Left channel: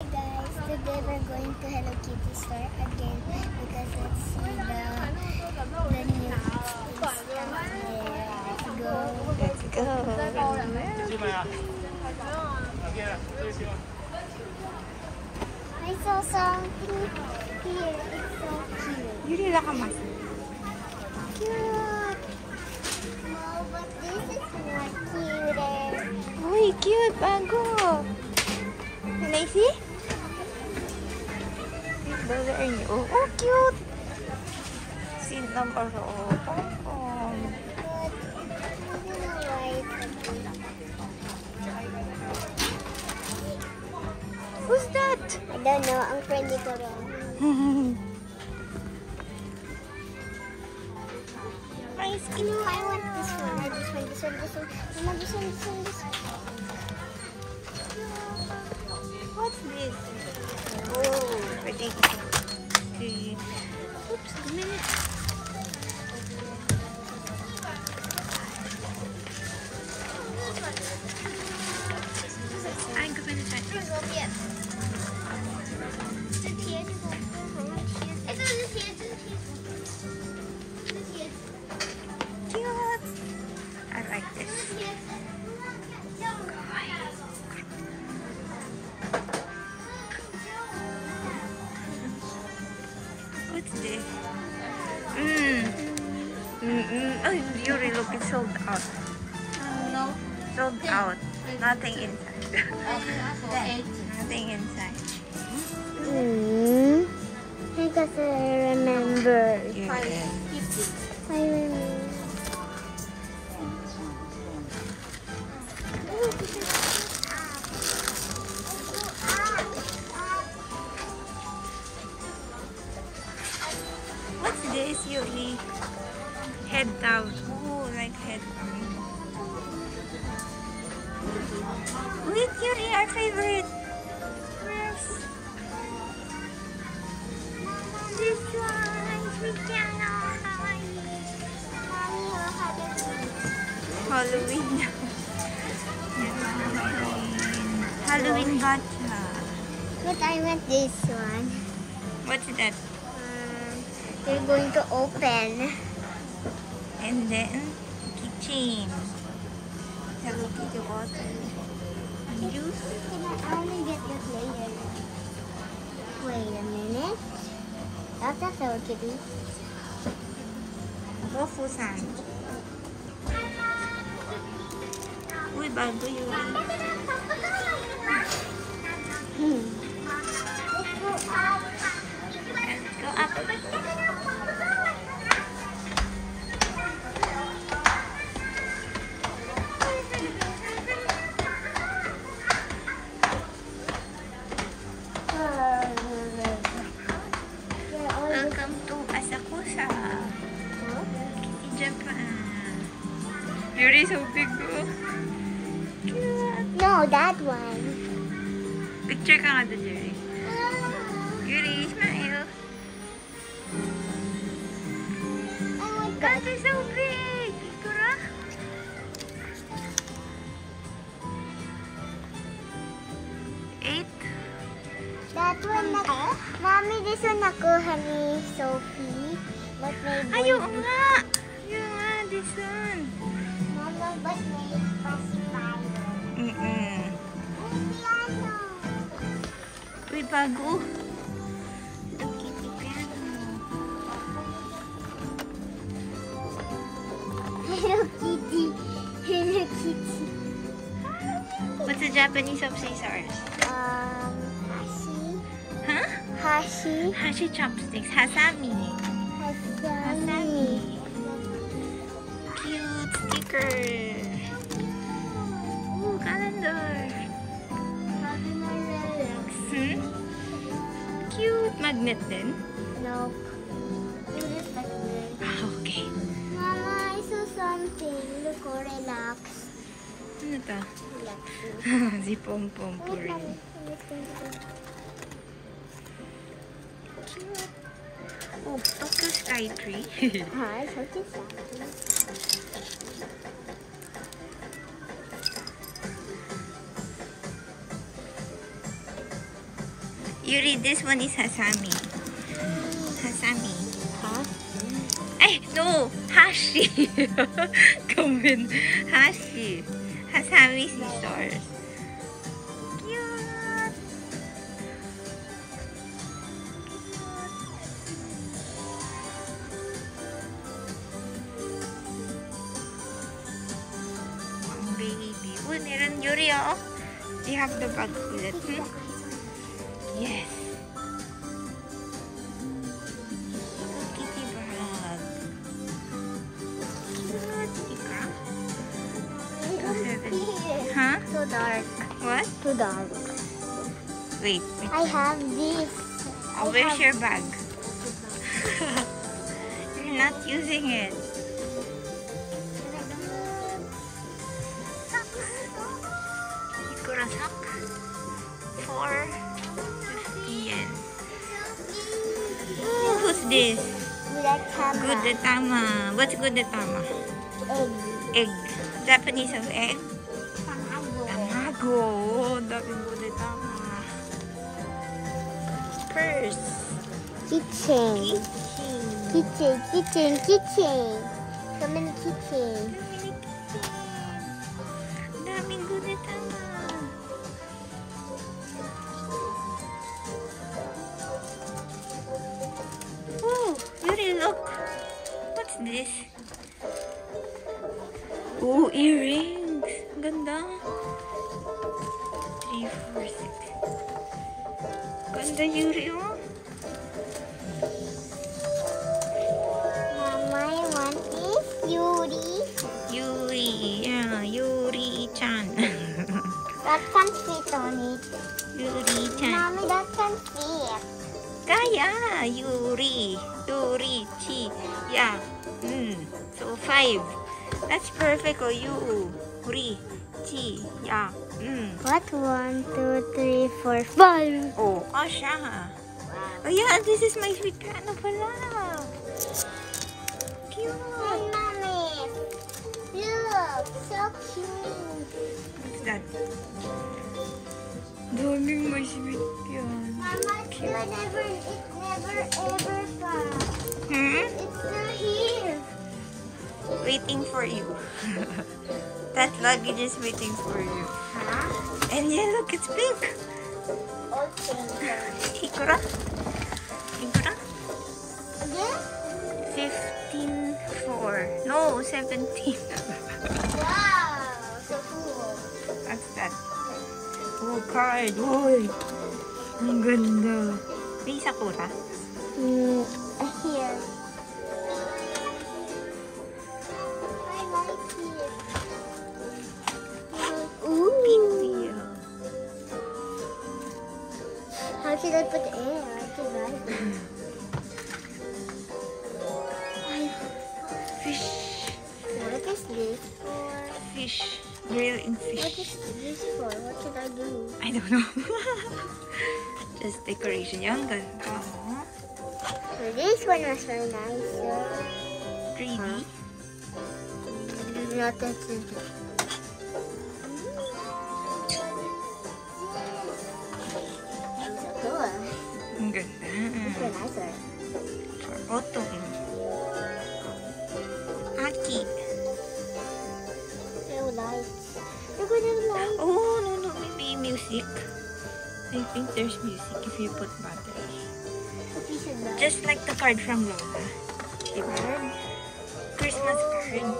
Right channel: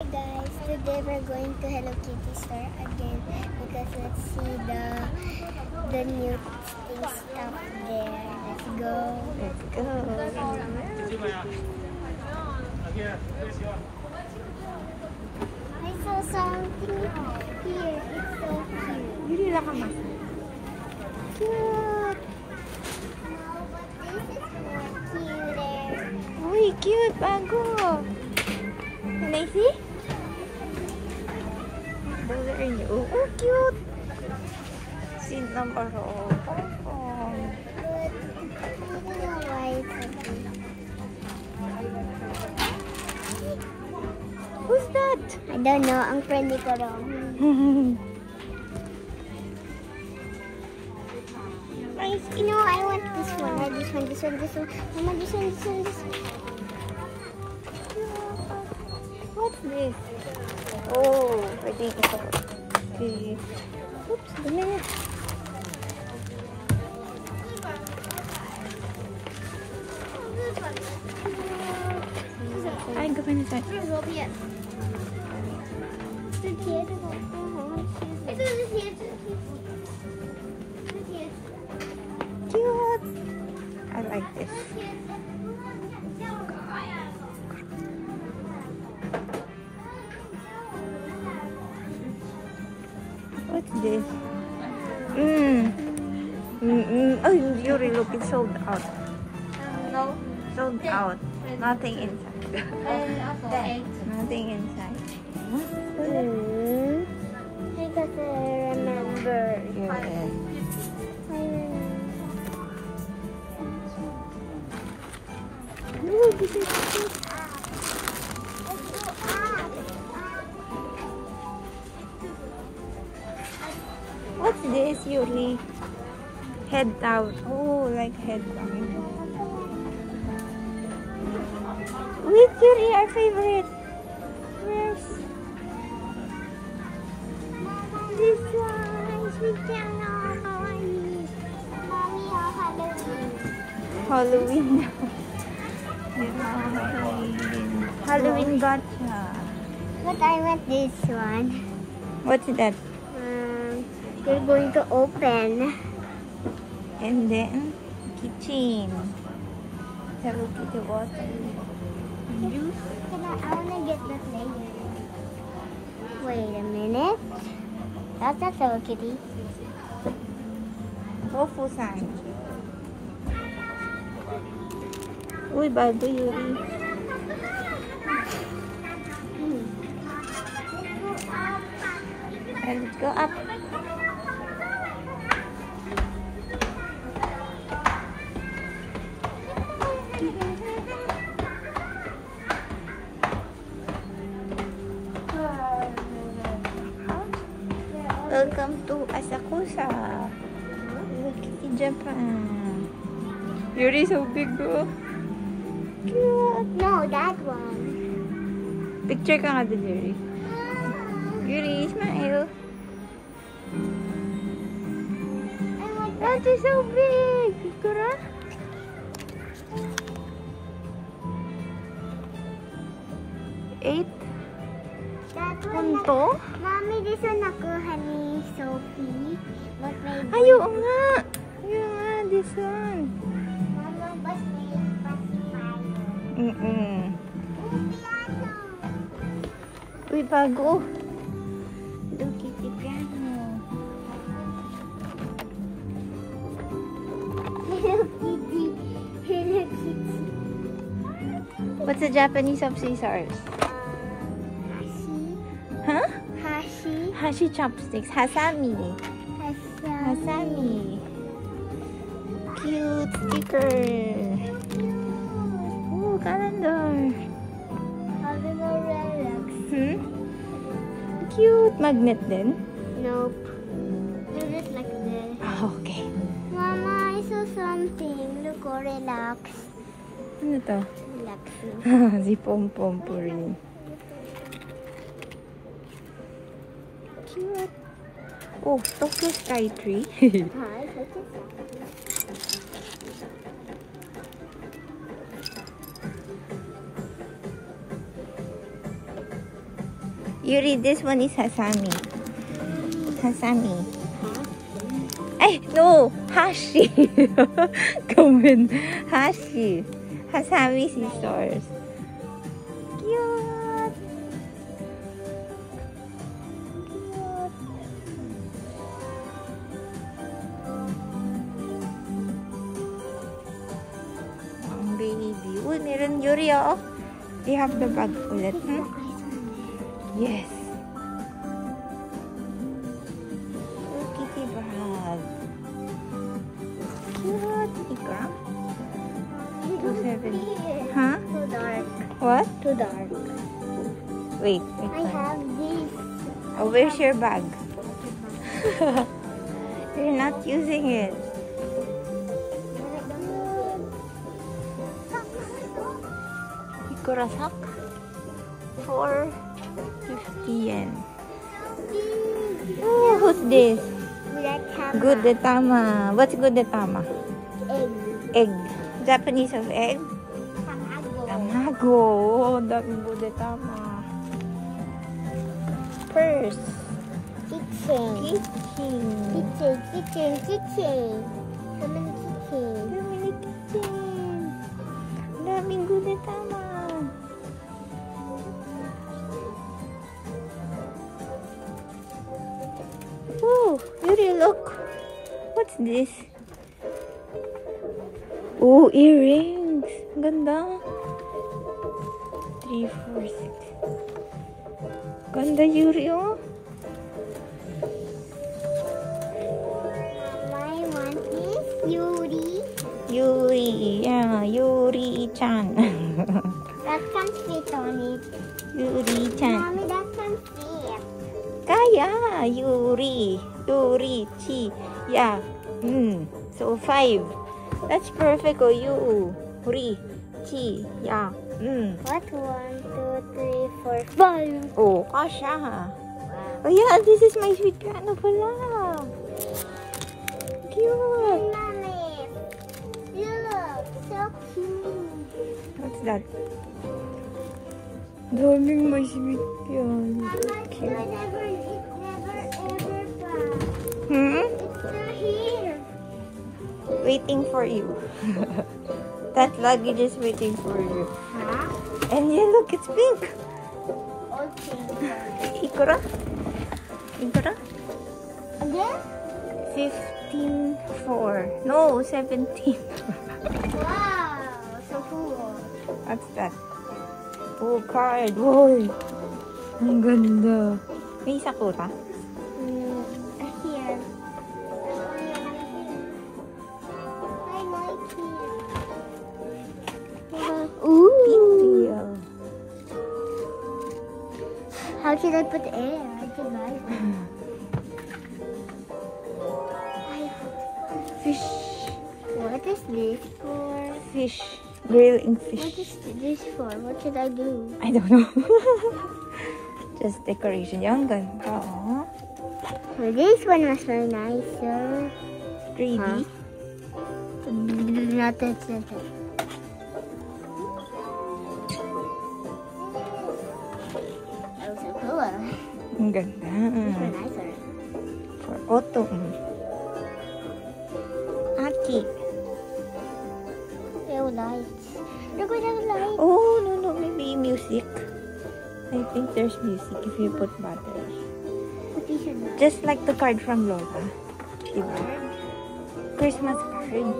Hi guys, today we're going to Hello Kitty store again because let's see the new stuff there. Let's go. Let's go. I saw something here. It's so cute. Yuri-chan. Cute. No, but this is more cute. Uy, cute. Bago. Can I see? Those are new. Oh, cute. Seat number oh. Pom-pom. Who's that? I don't know. Ang friendly ko daw. Nice. You know, I want this one. This one. This one. This one. I want this one. This one. This one. What's this? Oh, pwede ito. Okay. Oops, dumi na. Ay, gawin na siya. Cute. I like this. What's this? Oh, Yuri, look, it's sold out. Sold out. Nothing inside. Nothing inside. Because I remember. Yeah. I remember. What's this, Yuri? Head out. Oh, like head out. Wait, Yuri, our favorite. Yes. This one, sweet Halloween. Halloween gotcha. But I want this one. What's that? They're going to open. And then kitchen. Hello Kitty water. Juice. I want to get that later. Wait a minute. That's a Hello Kitty. Tofu-san. Uy, bago Yuri. Let's go up. Welcome to Asakusa, Japan. Yuri, so big, oh. Cute. No, that one. Picture ka nga doon, Yuri. Yuri, smile. That is so big. Ikura. Eight. That one. Punto? Mommy, this one nakuha ni Sophie. But my Ay, oo nga. Ayun nga, this one. Mama, but this pacified. Piano. Uy, bago. Hello Kitty piano. Hello Kitty. Hello Kitty. What's the Japanese of scissors? Hashi. Huh? Hashi. Hashi chopsticks. Hasami. Hasami. Cute sticker. Ooh, calendar. Having a relics. Cute. Magnet din. Nope. You just like this. Okay. Mama, I saw something. Look, oh, relax. Ano to? Relax. Si Pom-Pom Puri. Cute. Oh, Tokyo Sky Tree. Hi, so cute. Yuri, this one is Hasami. Hasami. Ay, no! Hashi! Come in. Hashi. Hasami scissors. Cute! Ang baby. Uy, meron Yuri, oh. Do you have the bag ulit? Hmm? Yes. Kitty bag. Cute. Ikra? 270. Huh? Too dark. What? Too dark. Wait. I have this. Oh, where's your bag? You're not using it. Ikura sock. 450 yen. Oh, who's this? Gudetama. What's Gudetama? Egg. Egg. Japanese of egg? Tamago. Daming Gudetama. Purse. Kitchen. How many kitchen? Daming Gudetama. Oh, Yuri, look. What's this? Oh, earrings. Ganda. 3, 4, 6. Ganda, Yuri, oh. My one is Yuri. Yuri, yeah, Yuri-chan. That can fit on it. Yuri-chan. Mommy, that can fit. Kaya, Yuri. Yuri-chi. Yeah. So 5. That's perfect, oh, Yuri-chi. Yeah. What? 1, 2, 3, 4, 5. Oh, kasha. Oh, yeah, this is my sweet piano pala. Cute. Mommy, look, so cute. What's that? Daming my sweet piano. Mama, it's never ever fun. Hmm? It's still here. Waiting for you. That luggage is waiting for you. Huh? And yeah, look, it's pink. Okay. Ikura? Ikura? Again? 15.4. No, 17. Wow, so cool. What's that? Oh, card. Woy. Ang ganda. May Sakura? Here. I like it. Ooh. Pinwheel. How should I put air? I can buy it. Fish. What is this for? Fish. Grilling fish. What is this for? What should I do? I don't know. Just decoration. Yung ganda. Oh. This one was so nice. 3D. Nothing to do. That was so cool. Ang ganda. These were nicer. For autumn. Aki. Oh, lights. Look at the lights. Oh, no, maybe music. I think there's music if you put battery. What we should buy? Just like the card from Lola. Diba? Christmas card.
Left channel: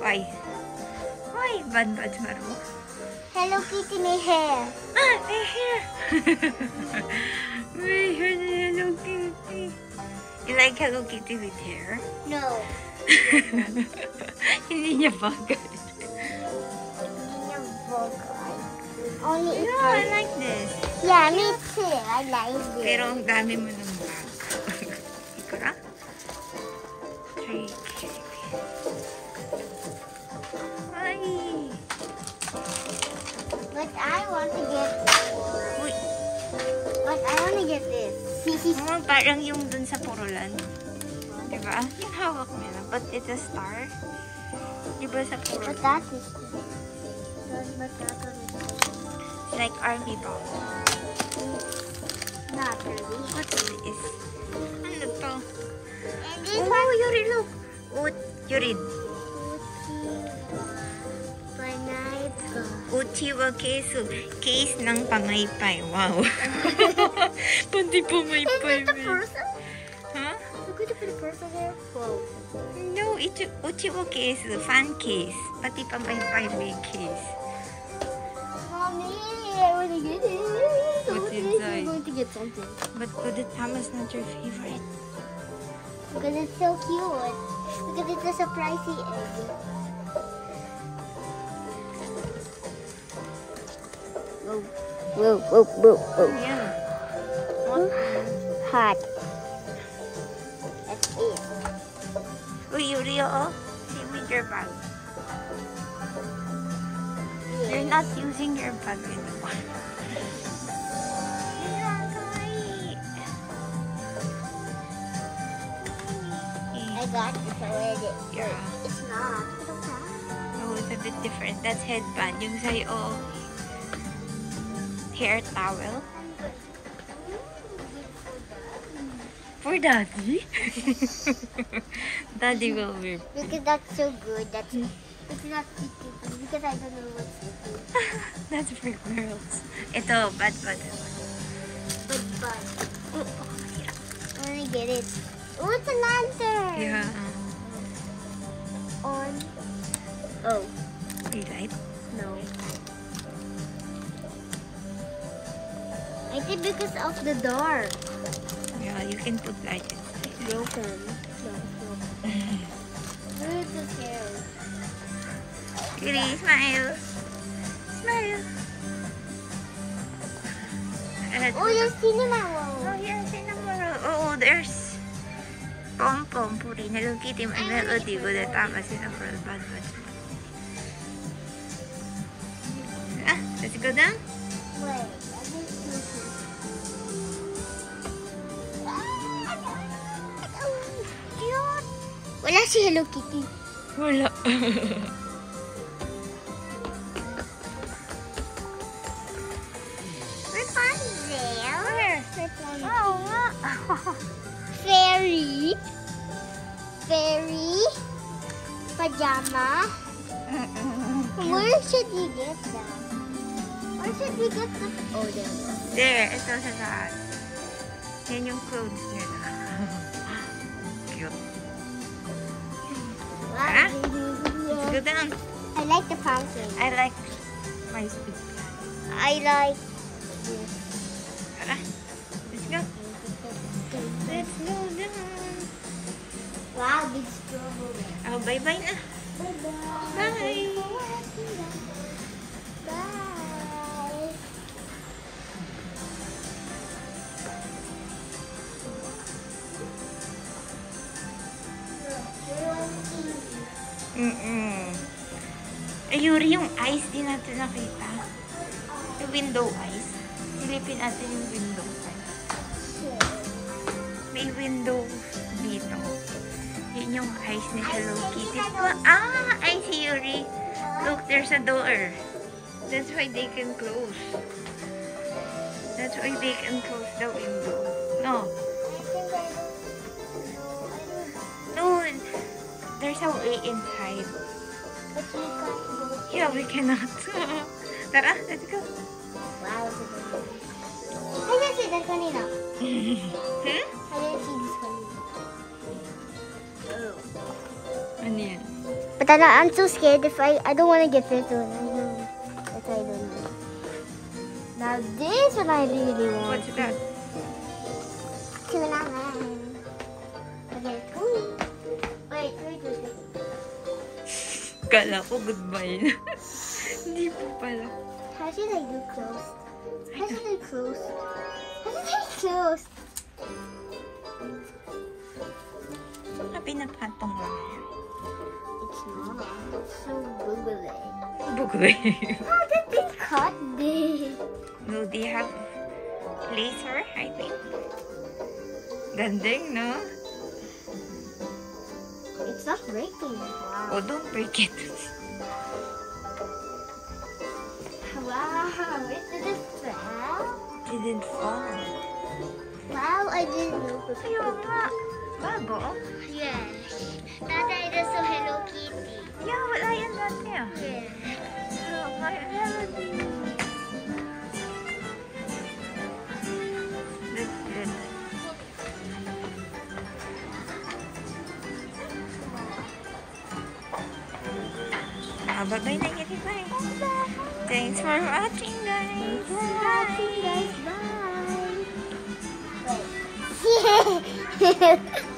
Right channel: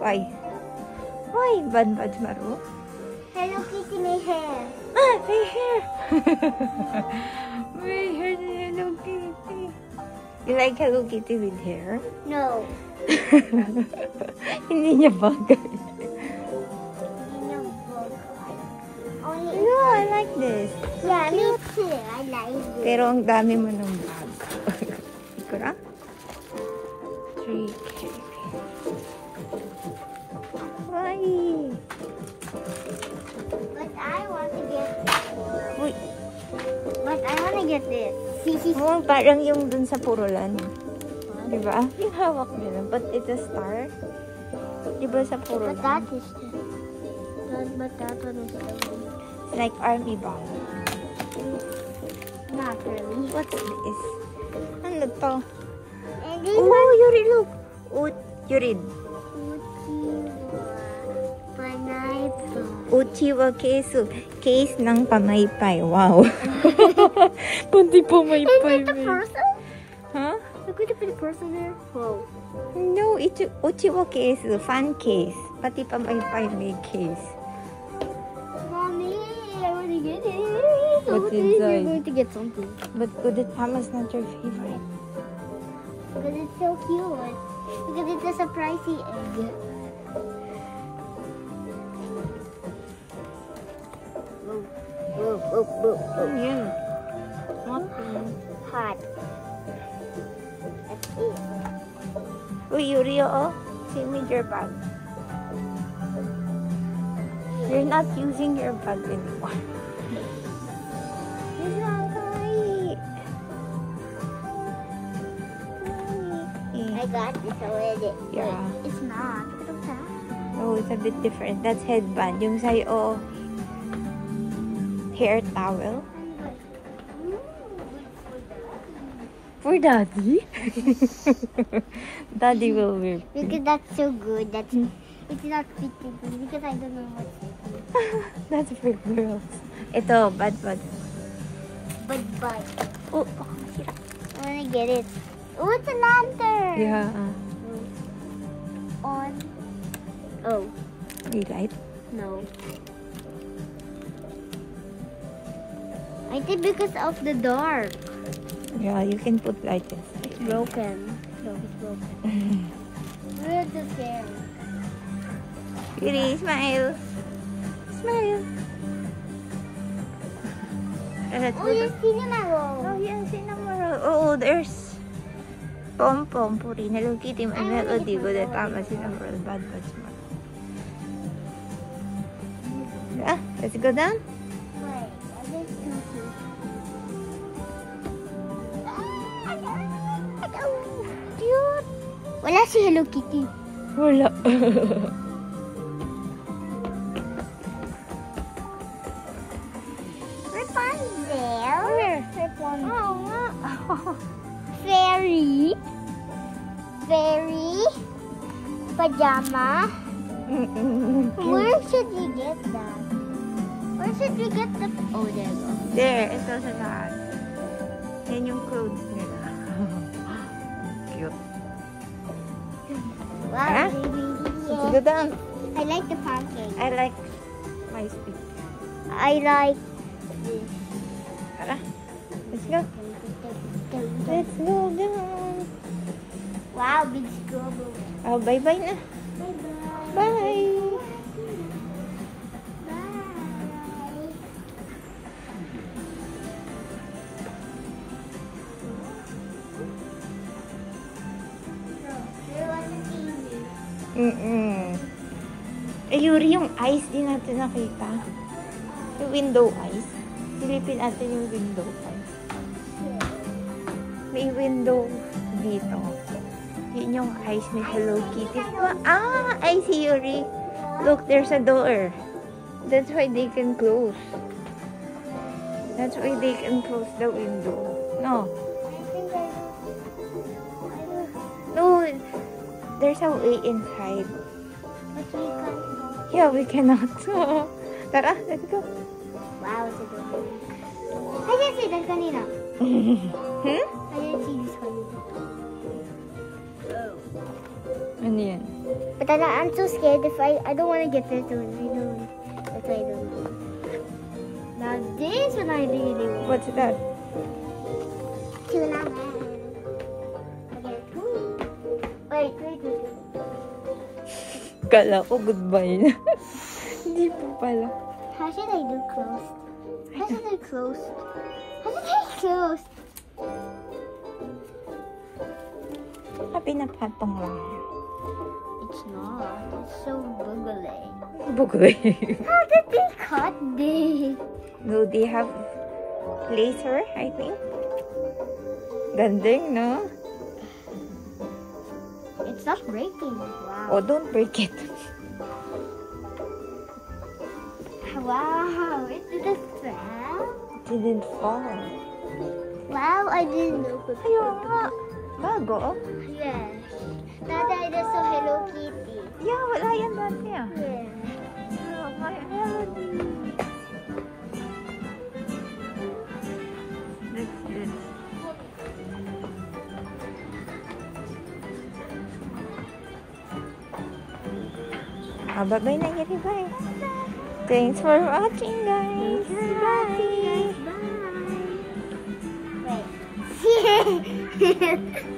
Why? Why? Bad Maru? Hello Kitty may hair. Ah, my hair! My hair na Hello Kitty. You like Hello Kitty with hair? No. Hindi niya bagay. Only No, I like this. yeah, me too. I like this. Pero ang dami mo ng bag. Ikura? 3K. Ay! But I want to get. Uy! But I want to get this. Oh, parang yung dun sa Purulan. Diba? Yung hawak nila. But it's a star. Di ba sa puro But that is but that one is like army bomb. not really. What's this? Ano to? And this Oh, Yuri, look! Yuri. pineapple. Uchiwa case. Case ng pamaypay. Wow. Pati pamaypay. Is it the person? Huh? Look at the person there. Oh. No, Uchiwa case. Fan case. Pati pamaypay may case. Mommy, I want to get it. What's You're inside? going to get something. But Gudetama's not your favorite. Because it's so cute. Because it's a surprisey egg. Whoa, whoa, whoa, whoa. Yan. Hot. That's it. Uy, Yuri, oh. Same with your bag. You're not using your bag anymore. I got this already. Yeah. It's not. Oh, it's a bit different. That's headband. Yung sa'yo, hair towel. For daddy? Daddy will wear. Because that's so good. That's it's not sticky because I don't know what's sticky. That's for girls. Ito, bad. But Oh, I'm gonna get it. Oh, it's a lantern. yeah. On. Oh You light? no. I think because of the dark. Yeah, you can put light in. It's broken. No, it's broken. Where's the scary? Yuri, smile. Smile. Let's Oh, go to... there's cinema roll. Oh, yeah, cinema roll. Oh, there's pom-pom, puri, Hello Kitty, may melody. Good, tama, cinema roll, bad, smart. Let's go down. Wait, I think this. Cute. Wala si Hello Kitty. Wala. Look on there. Where? Oo nga. Fairy. Pajama. Where should we get that? Where should we get the... Oh, there we go. There, ito sa taas. Yan yung clothes nila. Cute. Wow, Let's go down. I like the pancake. I like my speed. I like this. Tara. Let's go. Let's go down. Wow, big strawberry. Oh, bye-bye na. Bye-bye. Bye. Bye. Yuri, yung eyes din natin nakita. Yung window eyes. Silipin natin yung window eyes. May window dito. Yun yung eyes ni Hello Kitty. I see, Yuri. Look, there's a door. That's why they can close. That's why they can close the window. No. No, there's a way inside. But you can't go. Yeah, we cannot. Tara, let's go. Wow, it's a good one. I didn't see that kanina. Hmm? I didn't see this kanina. Oh. Ano yan? But I'm so scared if I don't want to get this one. I don't. That's why I don't know. Now this one I really want. What's that? Tuna man. Okay, cool. Wait. Kala ko goodbye na. Hindi po pala. How should I do close? How should I close? How should I close? Pinapatong lang yan. It's not. It's so googly. Bugay. How did they cut this? No, they have laser, I think. Ganding, no? It's not breaking. Wow. Oh, don't break it. Wow, it didn't fall. It didn't fall. Wow, I didn't know. Ayun nga. Bago, oh. Yes. Dati ito sa Hello Kitty. Yeah, wala yan dati, ah. Yes. Oh, my melody. That's good. Bye-bye na, Yuri. Bye. Thanks for watching, guys. Bye. Bye. Wait.